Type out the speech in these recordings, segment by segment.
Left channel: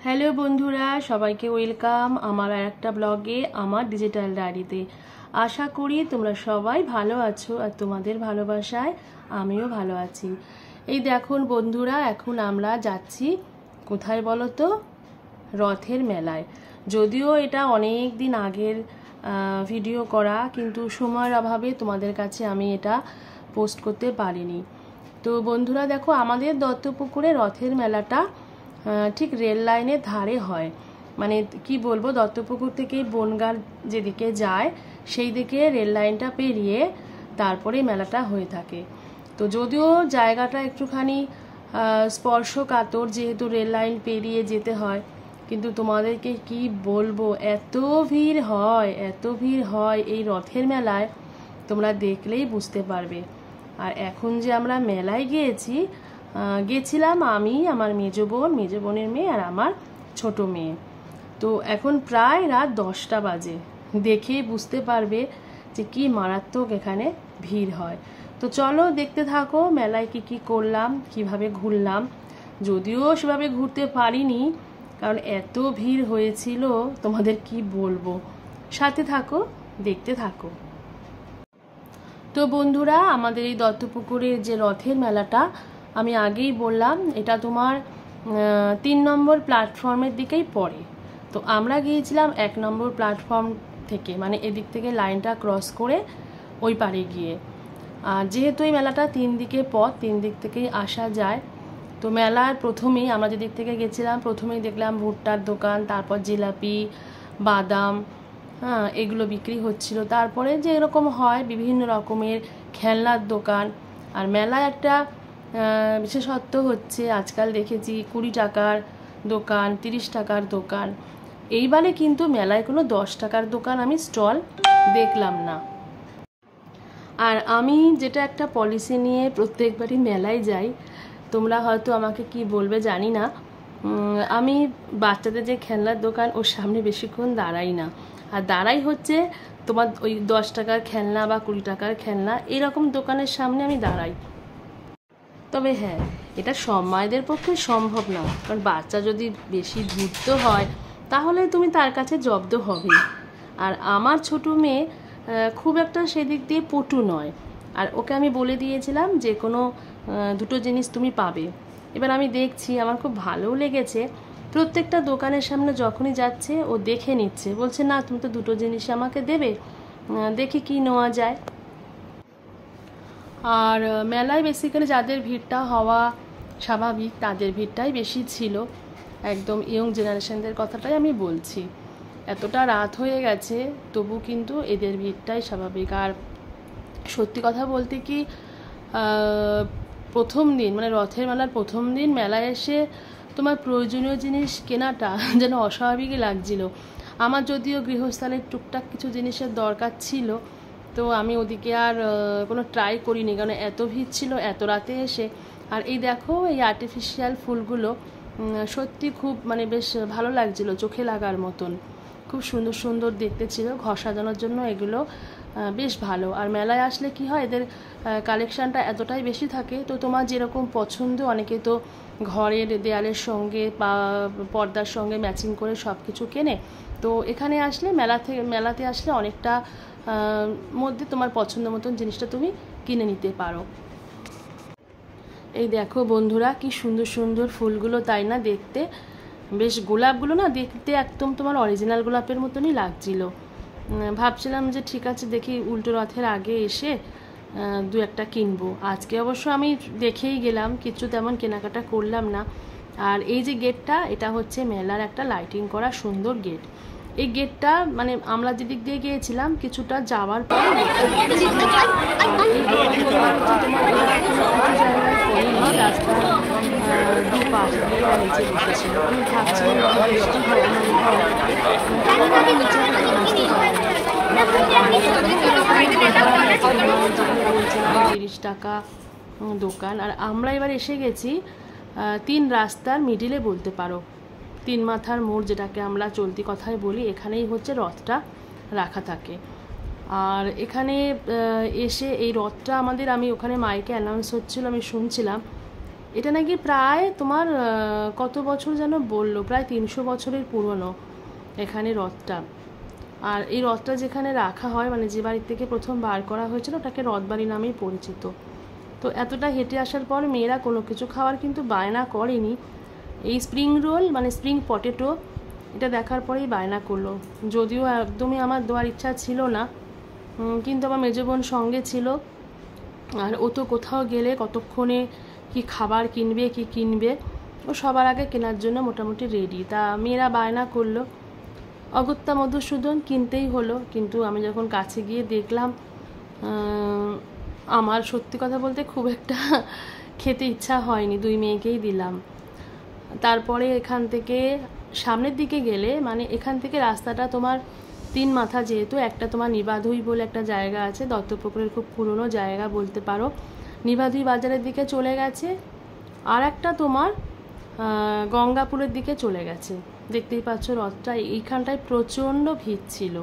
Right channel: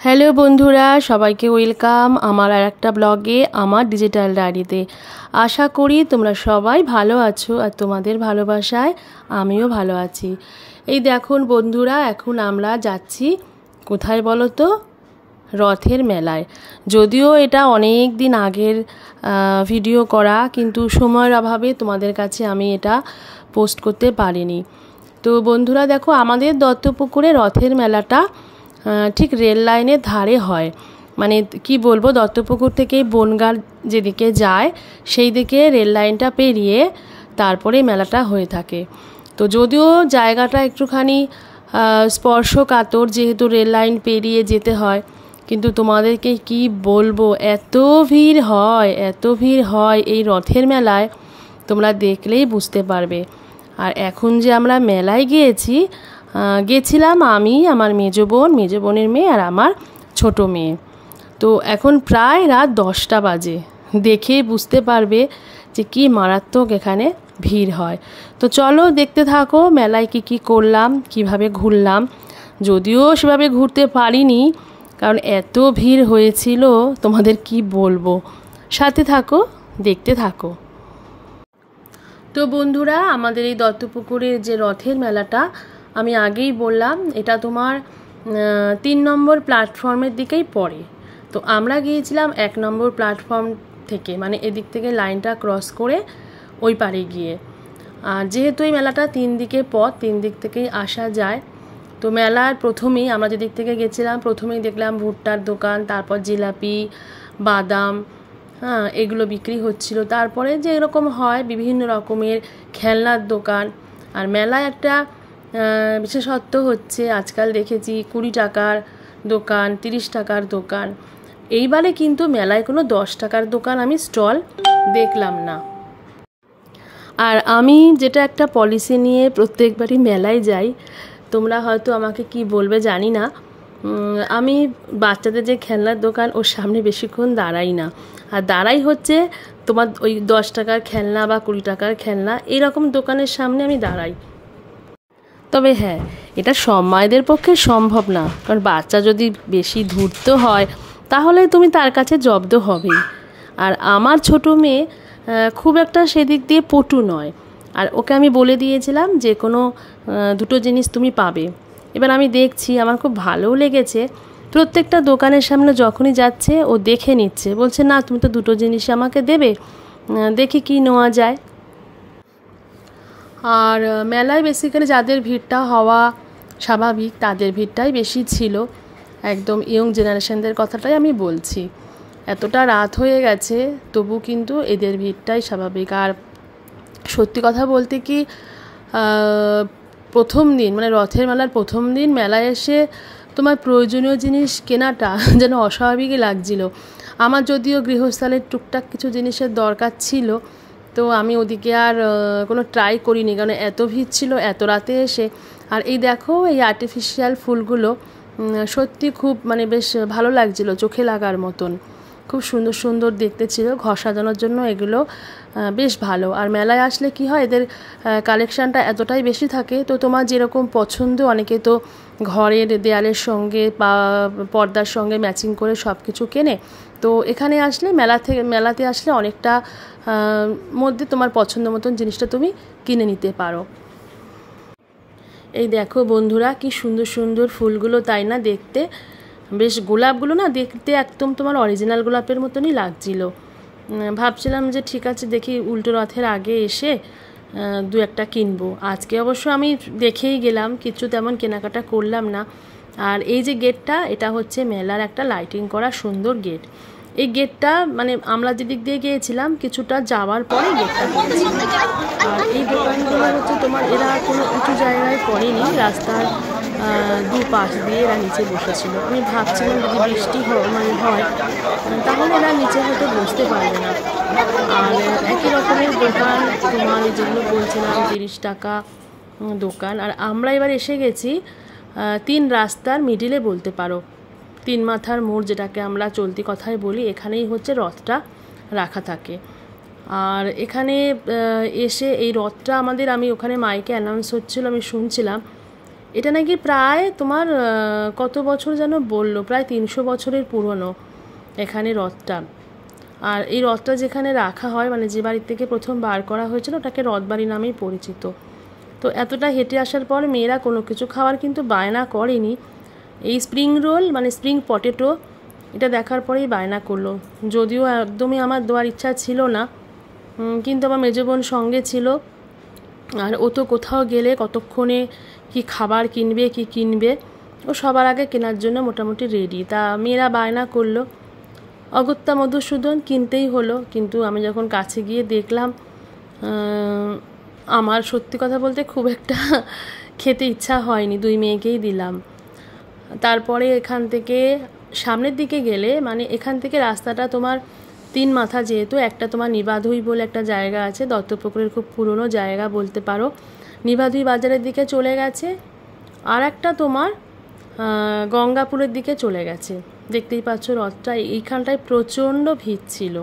Hello বন্ধুরা, সবাইকে welcome আমার আর একটা ব্লগে, আমার ডিজিটাল ডায়েরিতে। আশা করি তোমরা সবাই ভালো আছো আর তোমাদের ভালোবাসায় আমিও ভালো আছি। এই দেখুন বন্ধুরা, এখন আমরা যাচ্ছি কোথায় বলো তো? রথের মেলায়। যদিও এটা অনেক দিন আগের ভিডিও করা, কিন্তু সময়ের অভাবে তোমাদের কাছে আমি এটা পোস্ট করতে পারিনি। তো বন্ধুরা দেখো, আমাদের দত্তপুকুরে রথের মেলাটা ঠিক রেল লাইনের ধারে হয়। মানে কি বলবো, দত্তপুকুর থেকে বনগাঁ যেদিকে যায় সেই দিকে রেল লাইনটা পেরিয়ে তারপরে মেলাটা হয়ে থাকে। তো যদিও জায়গাটা একটুখানি স্পর্শকাতর, যেহেতু রেল লাইন পেরিয়ে যেতে হয়, কিন্তু তোমাদেরকে কি বলবো, এত ভিড় হয় এই রথের মেলায়, তোমরা দেখলেই বুঝতে পারবে। আর এখন যে আমরা মেলায় গেছিলাম আমি, আমার মেজ বোনের মেয়ে আর আমার ছোট মেয়ে। তো এখন প্রায় রাত 10টা বাজে, দেখেই বুঝতে পারবে যে কি মারাত্মক এখানে ভিড় হয়। তো চলো দেখতে থাকো মেলায় কি করলাম, কিভাবে ঘুরলাম। যদিও সেভাবে ঘুরতে পারিনি, কারণ এত ভিড় হয়েছিল, তোমাদের কি বলবো। সাথে থাকো, দেখতে থাকো। তো বন্ধুরা, আমাদের এই দত্তপুকুরের যে রথের মেলাটা, আমি আগেই বললাম এটা তোমার 3 নম্বর প্ল্যাটফর্মের দিকেই পড়ে। তো আমরা গিয়েছিলাম 1 নম্বর প্ল্যাটফর্ম থেকে, মানে এদিক থেকে লাইনটা ক্রস করে ওই পারে গিয়ে। আর যেহেতু এই মেলাটা 3 দিকে পথ, 3 দিক থেকেই আসা যায়। তো মেলার প্রথমেই আমরা যেদিক থেকে গেছিলাম, প্রথমেই দেখলাম ভুট্টার দোকান, তারপর জিলাপি, বাদাম, এগুলো বিক্রি হচ্ছিল। তারপরে যে এরকম হয় বিভিন্ন রকমের খেলনার দোকান। আর মেলায় একটা বিশেষত্ব হচ্ছে, আজকাল দেখেছি 20 টাকার দোকান, 30 টাকার দোকান। এইবারে কিন্তু মেলায় কোনো 10 টাকার দোকান আমি স্টল দেখলাম না। আর আমি যেটা একটা পলিসি নিয়ে প্রত্যেকবারই মেলায় যাই, তোমরা হয়তো আমাকে কি বলবে জানি না, আমি বাচ্চাদের যে খেলনার দোকান ওর সামনে বেশিক্ষণ দাঁড়াই না। আর দাঁড়াই হচ্ছে তোমার ওই 10 টাকার খেলনা বা 20 টাকার খেলনা, এরকম দোকানের সামনে আমি দাঁড়াই। তবে হ্যাঁ, এটা সব মায়েদের পক্ষে সম্ভব না, কারণ বাচ্চা যদি বেশি ধূর্ত হয় তাহলে তুমি তার কাছে জব্দ হবেই। আর আমার ছোট মেয়ে খুব একটা সেদিক দিয়ে পটু নয়, আর ওকে আমি বলে দিয়েছিলাম যে কোনো 2টো জিনিস তুমি পাবে। এবার আমি দেখছি, আমার খুব ভালোও লেগেছে। প্রত্যেকটা দোকানের সামনে যখনই যাচ্ছে ও দেখে নিচ্ছে, বলছে না তুমি তো 2টো জিনিস আমাকে দেবে, দেখি কি নেওয়া যায়। আর মেলায় বেসিক্যালি যাদের ভিড়টা হওয়া স্বাভাবিক, তাদের ভিড়টাই বেশি ছিল। একদম ইয়ং জেনারেশনদের কথাটাই আমি বলছি। এতটা রাত হয়ে গেছে তবু কিন্তু এদের ভিড়টাই স্বাভাবিক। আর সত্যি কথা বলতে কি, প্রথম দিন মানে রথের মেলার প্রথম দিন মেলায় এসে তোমার প্রয়োজনীয় জিনিস কেনাটা যেন অস্বাভাবিকই লাগছিল। আমার যদিও গৃহস্থালের টুকটাক কিছু জিনিসের দরকার ছিল, তো আমি ওদিকে আর কোনো ট্রাই করিনি, কারণ এত ভিড় ছিল এত রাতে এসে। আর এই দেখো, এই আর্টিফিশিয়াল ফুলগুলো সত্যি খুব মানে বেশ ভালো লাগছিল, চোখে লাগার মতন, খুব সুন্দর সুন্দর দেখতে ছিল। ঘর সাজানোর জন্য এগুলো বেশ ভালো। আর মেলায় আসলে কি হয়, এদের কালেকশানটা এতটাই বেশি থাকে, তো তোমার যেরকম পছন্দ, অনেকে তো ঘরের দেয়ালের সঙ্গে বা পর্দার সঙ্গে ম্যাচিং করে সব কিছু কেনে। তো এখানে আসলে মেলাতে আসলে অনেকটা মধ্যে তোমার পছন্দ মতন জিনিসটা তুমি কিনে নিতে পারো। এই দেখো বন্ধুরা, কি সুন্দর সুন্দর ফুলগুলো, তাই না? দেখতে বেশ, গোলাপগুলো না দেখতে একদম তোমার অরিজিনাল গোলাপের মতনই লাগছিল। ভাবছিলাম যে ঠিক আছে, দেখি উল্টো রথের আগে এসে 2-1টা কিনবো। আজকে অবশ্য আমি দেখেই গেলাম, কিছু তেমন কেনাকাটা করলাম না। আর এই যে গেটটা, এটা হচ্ছে মেলার একটা লাইটিং করা সুন্দর গেট। এই গেটটা মানে আমরা যেদিক দিয়ে গিয়েছিলাম কিছুটা যাওয়ার পরে গেটটা। আর এই দোকানগুলো হচ্ছে তোমার, এরা কোনো উঁচু জায়গায় পড়েনি, রাস্তার দুপাশ দিয়ে এরা নিচে বসেছিল। আমি ভাবছিলাম যদি বৃষ্টি হয় তাহলে এরা নিচে হয়তো বসতে পারবে না। আর একই রকমের দোকান তোমার যেগুলো বলছিলাম 30 টাকা দোকান। আর আমরা এবার এসে গেছি 3 রাস্তার মিডিলে বলতে পারো, 3 মাথার মোড় যেটাকে আমরা চলতি কথায় বলি, এখানেই হচ্ছে রথটা রাখা থাকে। আর এখানে এসে এই রথটা আমাদের, আমি ওখানে মাইকে অ্যানাউন্স হচ্ছিল, আমি শুনছিলাম এটা নাকি প্রায় তোমার কত বছর যেন বললো, প্রায় 300 বছরের পুরনো এখানে রথটা। আর এই রথটা যেখানে রাখা হয়, মানে যে বাড়ির থেকে প্রথম বার করা হয়েছিল, ওটাকে রথবাড়ি নামেই পরিচিত। তো এতটা হেঁটে আসার পর মেয়েরা কোনো কিছু খাওয়ার কিন্তু বায়না করেনি। এই স্প্রিং রোল মানে স্প্রিং পটেটো, এটা দেখার পরেই বায়না করলো। যদিও একদমই আমার দেওয়ার ইচ্ছা ছিল না, কিন্তু আমার মেজো বোন সঙ্গে ছিল, আর ও তো কোথাও গেলে কতক্ষণে কি খাবার কিনবে কি কিনবে, ও সবার আগে কেনার জন্য মোটামুটি রেডি। তা মেয়েরা বায়না করলো, অগত্যা মধুসূদন কিনতেই হলো। কিন্তু আমি যখন কাছে গিয়ে দেখলাম, আমার সত্যি কথা বলতে খুব একটা খেতে ইচ্ছা হয়নি, দুই মেয়েকেই দিলাম। তারপরে এখান থেকে সামনের দিকে গেলে, মানে এখান থেকে রাস্তাটা তোমার 3 মাথা, যেহেতু একটা তোমার নিবাধুই বলে একটা জায়গা আছে, দত্তপুকুরের খুব পুরনো জায়গা বলতে পারো, নিবাধুই বাজারের দিকে চলে গেছে, আর একটা তোমার গঙ্গাপুরের দিকে চলে গেছে। দেখতেই পাচ্ছ রথটা, এইখানটায় প্রচণ্ড ভিড় ছিল,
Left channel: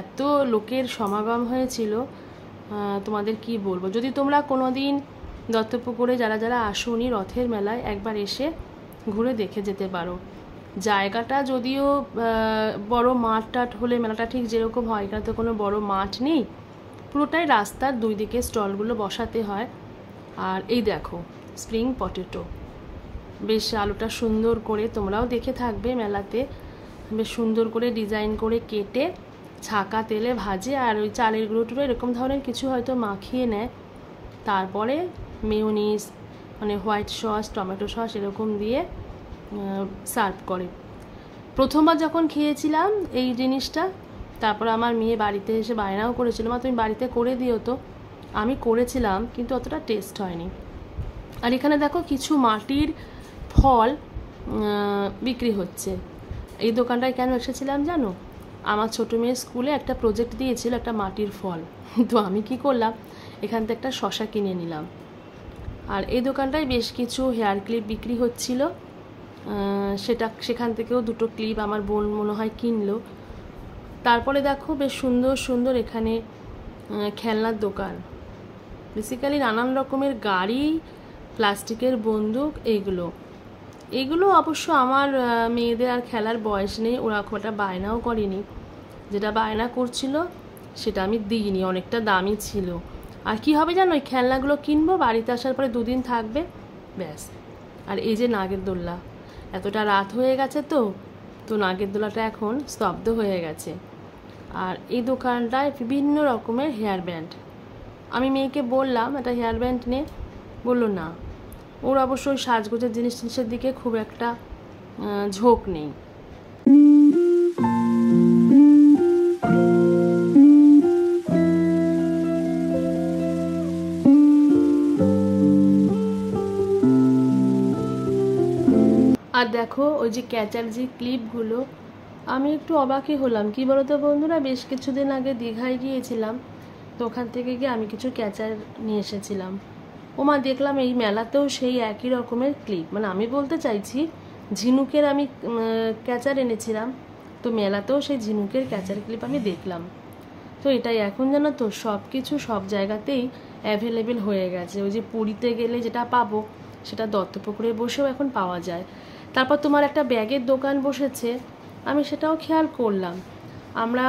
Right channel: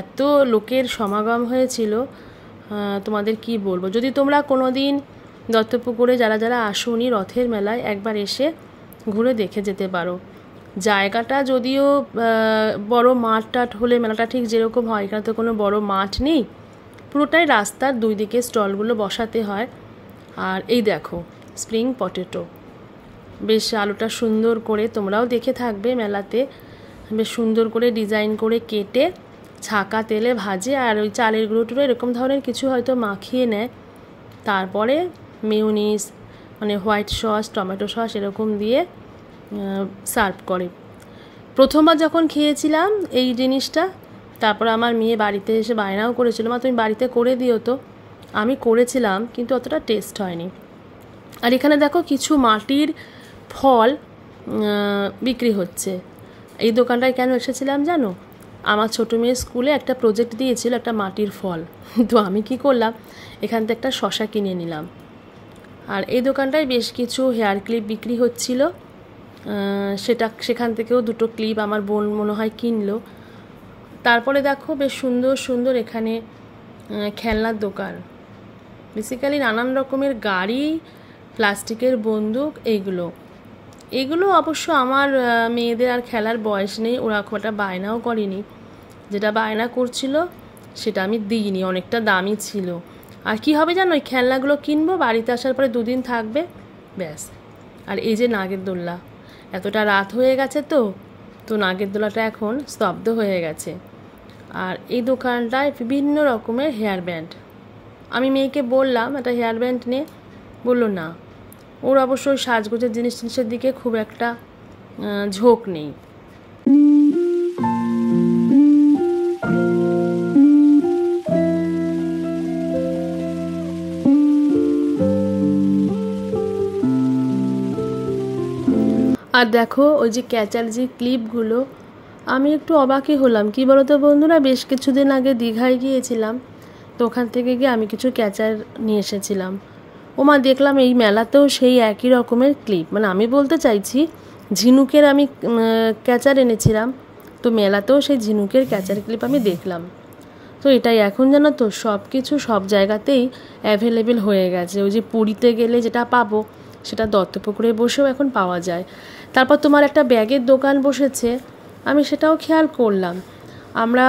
এত লোকের সমাগম হয়েছিল তোমাদের কি বলবো। যদি তোমরা কোনো দিন দত্তপুকুরে যারা যারা আসোনি রথের মেলায়, একবার এসে ঘুরে দেখে যেতে পারো। জায়গাটা যদিও বড় মাঠ টাট হলে মেলাটা ঠিক যেরকম হয়, এখানে তো কোনো বড় মাঠ নেই, পুরোটাই রাস্তার দুই দিকে স্টলগুলো বসাতে হয়। আর এই দেখো স্প্রিং পটেটো, বেশ আলুটা সুন্দর করে, তোমরাও দেখে থাকবে মেলাতে, বেশ সুন্দর করে ডিজাইন করে কেটে ছাকা তেলে ভাজে, আর ওই চালের গুঁড়ো টুড়ো এরকম ধরনের কিছু হয়তো মাখিয়ে নেয়, তারপরে মেয়োনিজ মানে হোয়াইট সস টমেটো সস এরকম দিয়ে সার্ভ করে। প্রথমবার যখন খেয়েছিলাম এই জিনিসটা, তারপর আমার মেয়ে বাড়িতে এসে বায়নাও করেছিল, মা তুমি বাড়িতে করে দিও তো। আমি করেছিলাম, কিন্তু অতটা টেস্ট হয়নি। আর এখানে দেখো কিছু মাটির ফল বিক্রি হচ্ছে। এই দোকানটায় কেন এসেছিলাম জানো? আমার ছোটো মেয়ের স্কুলে একটা প্রজেক্ট দিয়েছিল একটা মাটির ফল, তো আমি কি করলাম, এখান থেকে একটা শশা কিনে নিলাম। আর এই দোকানটায় বেশ কিছু হেয়ার ক্লিপ বিক্রি হচ্ছিল, সেখান থেকেও 2টো ক্লিপ আমার বোন মনে হয় কিনলো। তারপরে দেখো বেশ সুন্দর সুন্দর এখানে খেলনার দোকান, বেসিক্যালি নানান রকমের গাড়ি, প্লাস্টিকের বন্দুক, এইগুলো অবশ্য আমার মেয়েদের আর খেলার বয়স নেই, ওরা খুব একটা বায়নাও করেনি। যেটা বায়না করছিল সেটা আমি দিইনি, অনেকটা দামি ছিল। আর কি হবে জানো, ওই খেলনাগুলো কিনবো, বাড়িতে আসার পরে 2 দিন থাকবে, ব্যাস। আর এই যে নাগের দোল্লা, এতটা রাত হয়ে গেছে তো নাগের দোলাটা এখন স্তব্ধ হয়ে গেছে। আর এই দোকানটায় বিভিন্ন রকমের হেয়ার ব্যান্ড, আমি মেয়েকে বললাম একটা হেয়ার ব্যান্ড নে, বললো না, ওর অবশ্যই সাজগোজের জিনিসের দিকে খুব একটা ঝোঁক নেই। আর দেখো ওই যে ক্যাচার যে ক্লিপগুলো, আমি একটু অবাকই হলাম। কি বলতো বন্ধুরা, বেশ কিছুদিন আগে দীঘায় গিয়েছিলাম, তো ওখান থেকে গিয়ে আমি কিছু ক্যাচার নিয়ে এসেছিলাম। ওমা দেখলাম এই মেলাতেও সেই একই রকমের ক্লিপ, মানে আমি বলতে চাইছি ঝিনুকের আমি ক্যাচার এনেছিলাম, তো মেলাতেও সেই ঝিনুকের ক্যাচার ক্লিপ আমি দেখলাম। তো এটাই এখন জানো তো সব কিছু সব জায়গাতেই অ্যাভেলেবেল হয়ে গেছে। ওই যে পুরীতে গেলে যেটা পাবো সেটা দত্তপুকুরে বসেও এখন পাওয়া যায়। তারপর তোমার একটা ব্যাগের দোকান বসেছে, আমি সেটাও খেয়াল করলাম। আমরা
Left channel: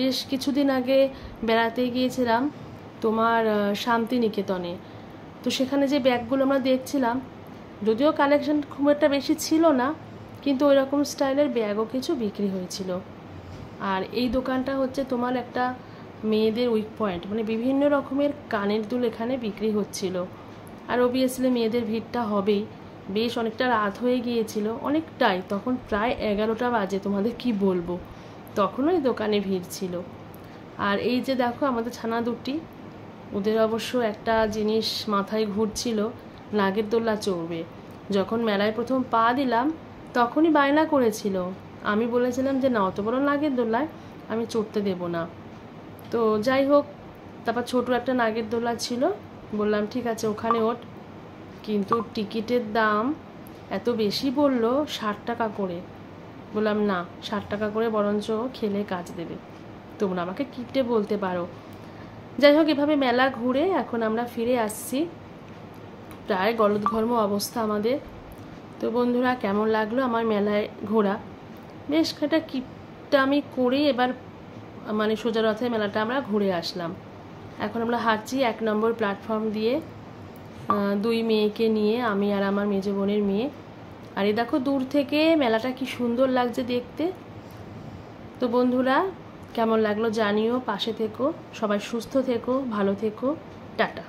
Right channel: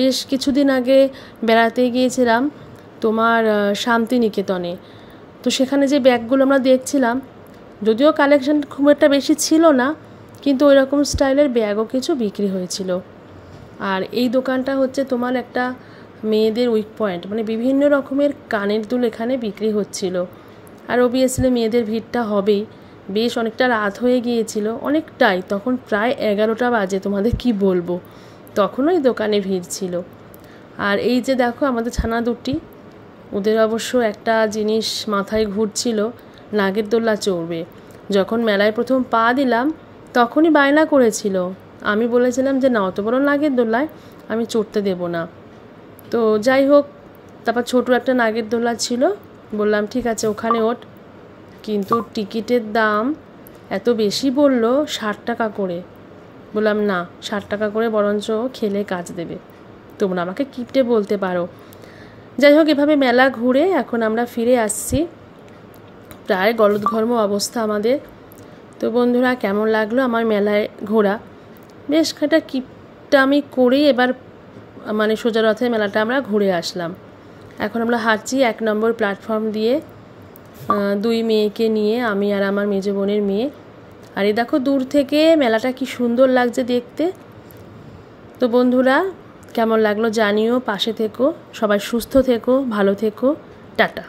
বেশ কিছুদিন আগে বেড়াতে গিয়েছিলাম তোমার শান্তিনিকেতনে, তো সেখানে যে ব্যাগগুলো আমরা দেখছিলাম, যদিও কালেকশন খুব একটা বেশি ছিল না, কিন্তু ওই রকম স্টাইলের ব্যাগও কিছু বিক্রি হয়েছিল। আর এই দোকানটা হচ্ছে তোমার একটা মেয়েদের উইক পয়েন্ট, মানে বিভিন্ন রকমের কানের দুল এখানে বিক্রি হচ্ছিল। আর অবভিয়াসলি মেয়েদের ভিড়টা হবেই, বেশ অনেকটা রাত হয়ে গিয়েছিল, অনেকটাই, তখন প্রায় 11টা বাজে, তোমাদের কি বলবো, তখনও এই দোকানে ভিড় ছিল। আর এই যে দেখো আমাদের ছানা দুটি, ওদের অবশ্য একটা জিনিস মাথায় ঘুরছিল, নাগের দোল্লা চড়বে। যখন মেলায় প্রথম পা দিলাম তখনই বায়না করেছিল, আমি বলেছিলাম যে না, অত বড় নাগের দোল্লায় আমি চড়তে দেব না। তো যাই হোক, তারপর ছোটো একটা নাগের দোল্লা ছিল, বললাম ঠিক আছে ওখানে ওঠ, কিন্তু টিকিটের দাম এত বেশি বলল, 60 টাকা করে। বললাম না, 60 টাকা করে বরঞ্চ খেলে কাজ দেবে, তোমরা আমাকে কিপটে বলতে পারো। যাই হোক, এভাবে মেলা ঘুরে এখন আমরা ফিরে আসছি। প্রায় গলদঘর্ম অবস্থা আমাদের। তো বন্ধুরা, কেমন লাগলো আমার মেলায় ঘোরা? বেশ একটা কিপটামি করে এবার মানে সোজা রথে মেলাটা আমরা ঘুরে আসলাম। এখন আমরা হাঁটছি 1 নম্বর প্ল্যাটফর্ম দিয়ে, 2 মেয়েকে নিয়ে, আমি আর আমার মেজো বোনের মেয়ে। আর এই দেখো দূর থেকে মেলাটা কি সুন্দর লাগছে দেখতে। তো বন্ধুরা, কেমন লাগলো জানিও, পাশে থেকো, সবাই সুস্থ থেকো, ভালো থেকো, টাটা।